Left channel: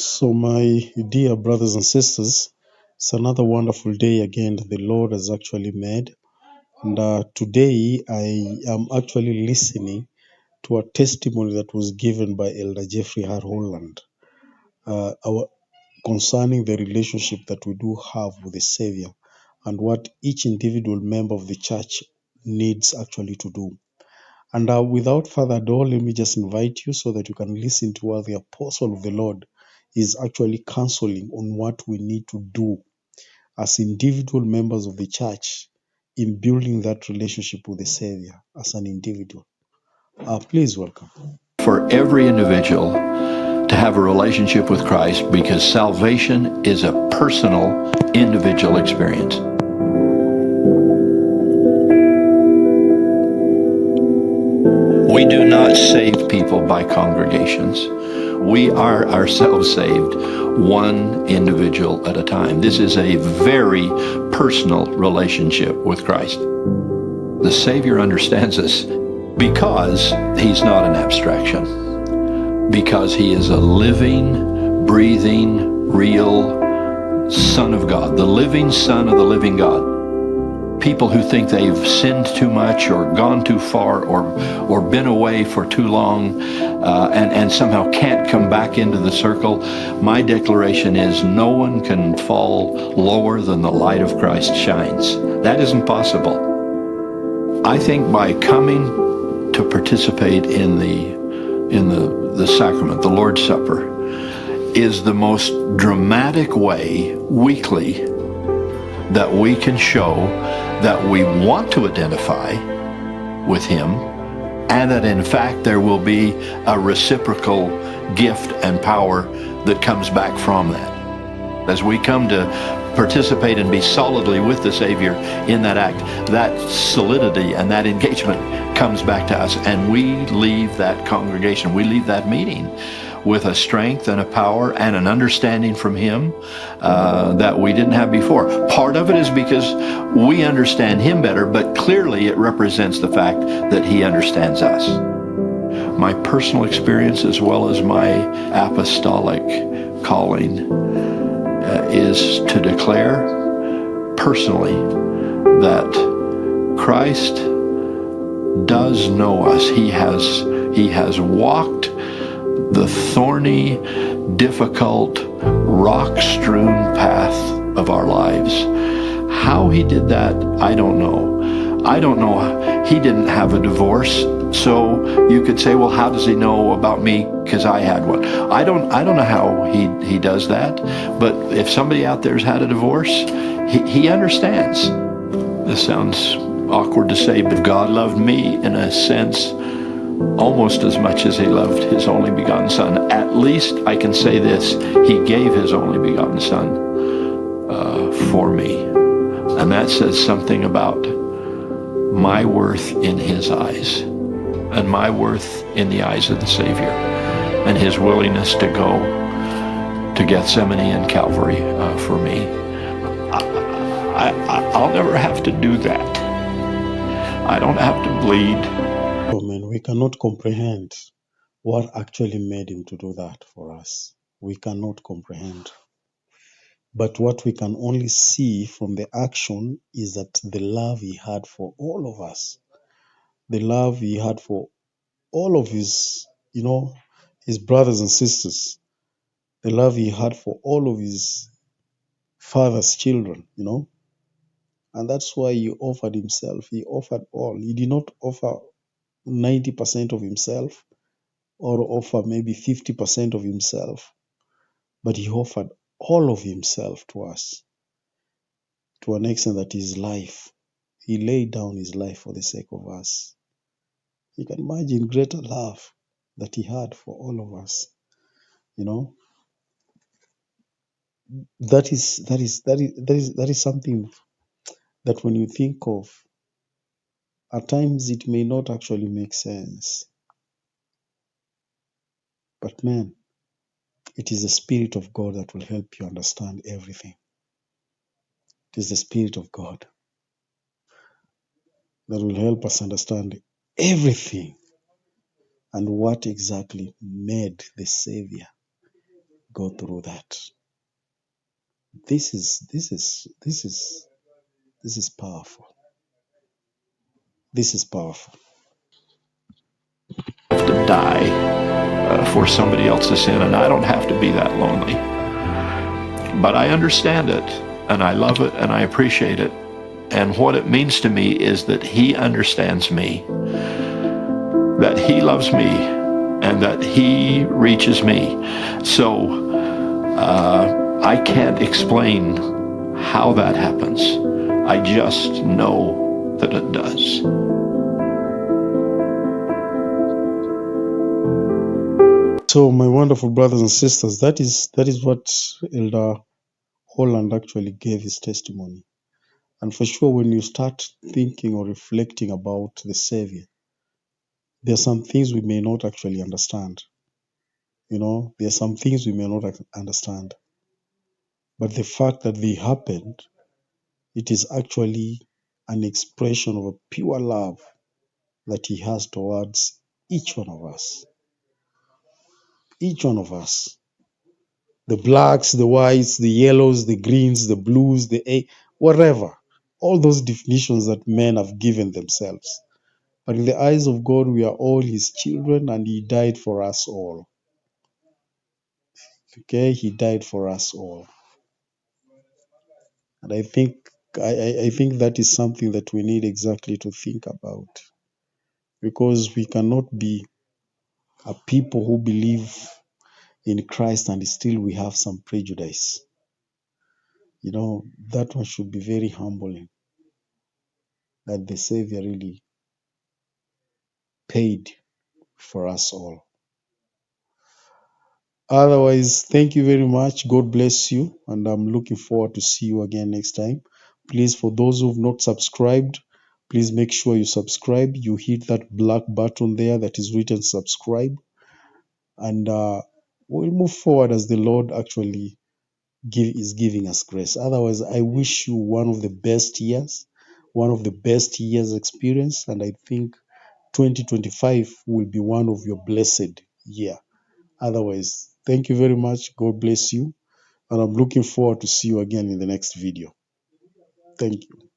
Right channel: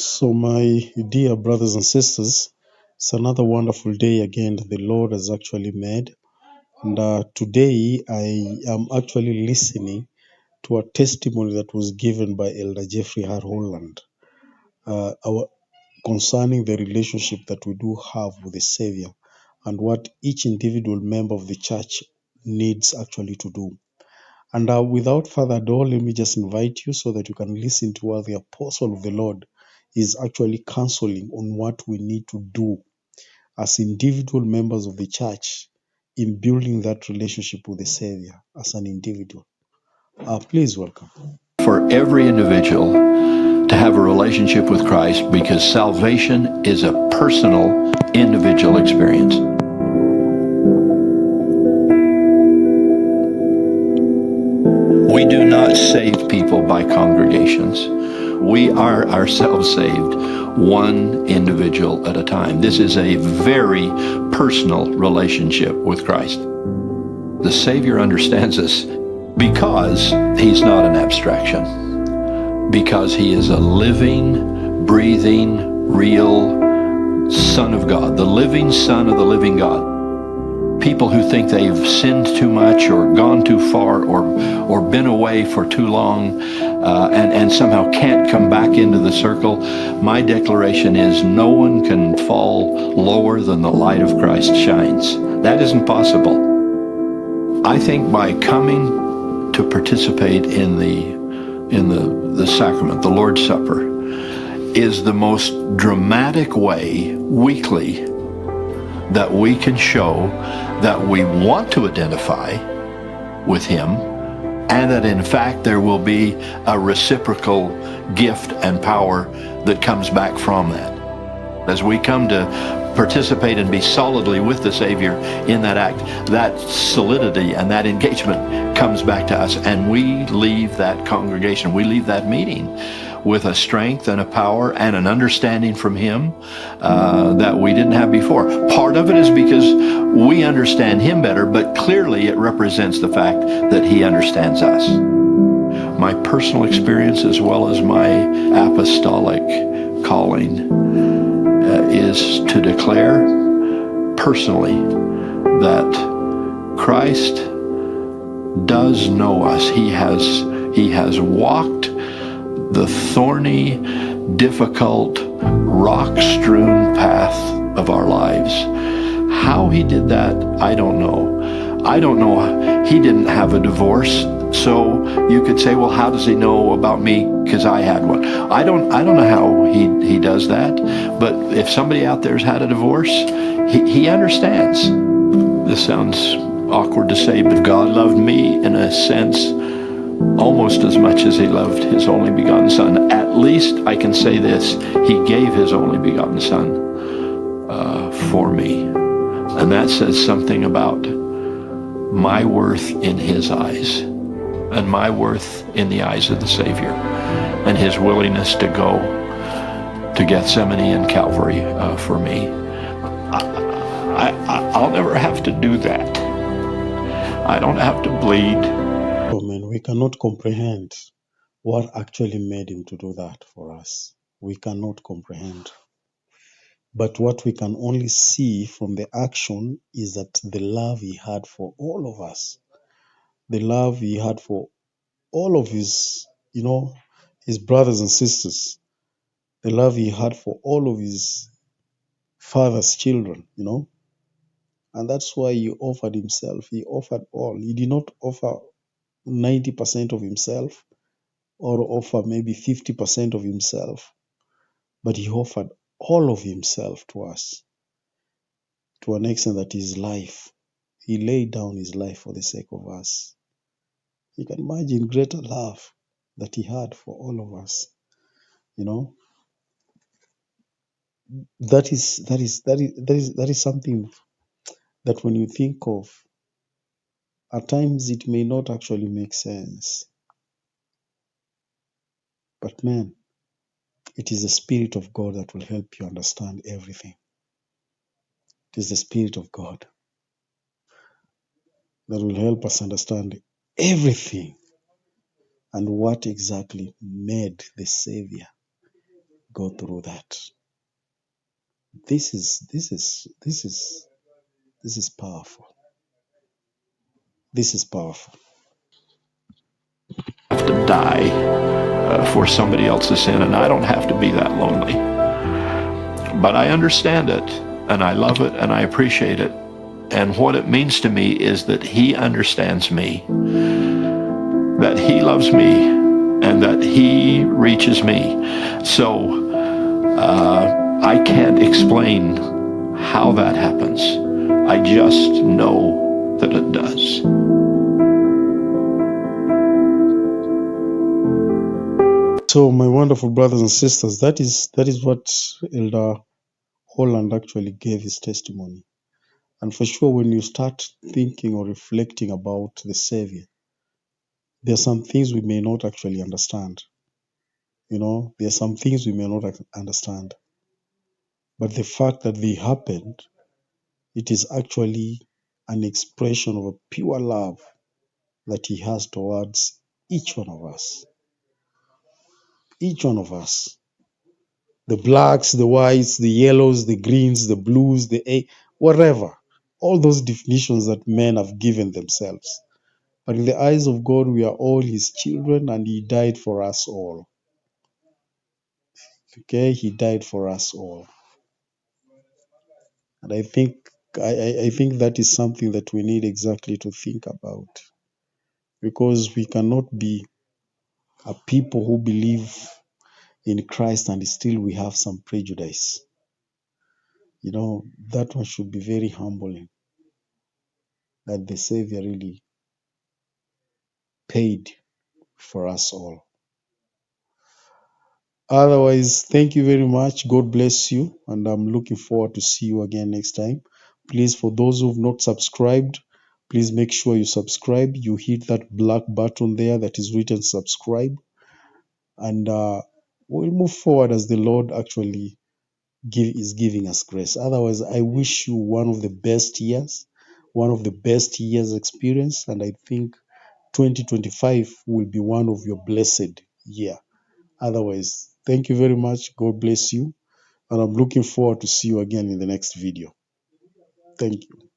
So, my dear brothers and sisters, it's another wonderful day again that the Lord has actually made. And today I am actually listening to a testimony that was given by Elder Jeffrey R. Holland concerning the relationship that we do have with the Savior and what each individual member of the church needs actually to do. And without further ado, let me just invite you so that you can listen to what the apostle of the Lord is actually counseling on what we need to do as individual members of the church in building that relationship with the Savior as an individual. Please welcome. For every individual to have a relationship with Christ, because salvation is a personal, individual experience. We do not save people by congregations. We are ourselves saved, one individual at a time. This is a very personal relationship with Christ. The Savior understands us because he's not an abstraction, because he is a living, breathing, real Son of God, the living Son of the living God. People who think they've sinned too much or gone too far or been away for too long and somehow can't come back into the circle, my declaration is no one can fall lower than the light of Christ shines. That isn't possible. I think by coming to participate in the sacrament, the Lord's Supper, is the most dramatic way weekly that we can show that we want to identify with him, and that in fact there will be a reciprocal gift and power that comes back from that. As we come to participate and be solidly with the Savior in that act, that solidity and that engagement comes back to us, and we leave that congregation, we leave that meeting with a strength and a power and an understanding from him that we didn't have before. Part of it is because we understand him better, but clearly it represents the fact that he understands us. My personal experience as well as my apostolic calling is to declare personally that Christ does know us. He has walked the thorny, difficult, rock-strewn path of our lives. How he did that, I don't know. I don't know. He didn't have a divorce, so you could say, well, how does he know about me? Because I had one. I don't know how he does that, but if somebody out there's had a divorce, he understands. This sounds awkward to say, but God loved me in a sense almost as much as he loved his only begotten Son. At least I can say this, he gave his only begotten Son for me. And that says something about my worth in his eyes and my worth in the eyes of the Savior, and his willingness to go to Gethsemane and Calvary for me. I'll never have to do that. I don't have to bleed. Amen. We cannot comprehend what actually made him to do that for us. We cannot comprehend. But what we can only see from the action is that the love he had for all of us, the love he had for all of his, his brothers and sisters, the love he had for all of his father's children, and that's why he offered himself. He offered all. He did not offer 90% of himself or offer maybe 50% of himself, but he offered all of himself to us to an extent that his life, he laid down his life for the sake of us. You can imagine greater love that he had for all of us. That is something that when you think of, at times it may not actually make sense. But man, it is the Spirit of God that will help you understand everything. It is the Spirit of God that will help us understand everything and what exactly made the Savior go through that. This is powerful. This is powerful. Have to die for somebody else's sin, and I don't have to be that lonely. But I understand it, and I love it, and I appreciate it. And what it means to me is that he understands me, that he loves me, and that he reaches me. So I can't explain how that happens. I just know that it does. So, my wonderful brothers and sisters, that is what Elder Holland actually gave his testimony. And for sure, when you start thinking or reflecting about the Savior, there are some things we may not actually understand. There are some things we may not understand. But the fact that they happened, it is actually an expression of a pure love that he has towards each one of us. Each one of us. The blacks, the whites, the yellows, the greens, the blues, whatever. All those definitions that men have given themselves. But in the eyes of God, we are all his children, and he died for us all. Okay? He died for us all. And I think that is something that we need exactly to think about. Because we cannot be a people who believe in Christ and still we have some prejudice. That one should be very humbling, that the Savior really paid for us all. Otherwise, thank you very much. God bless you. And I'm looking forward to see you again next time. Please, for those who've not subscribed, please make sure you subscribe. You hit that black button there that is written subscribe. And we'll move forward as the Lord actually is giving us grace. Otherwise, I wish you one of the best years experience. And I think 2025 will be one of your blessed year. Otherwise, thank you very much. God bless you. And I'm looking forward to see you again in the next video. Thank you.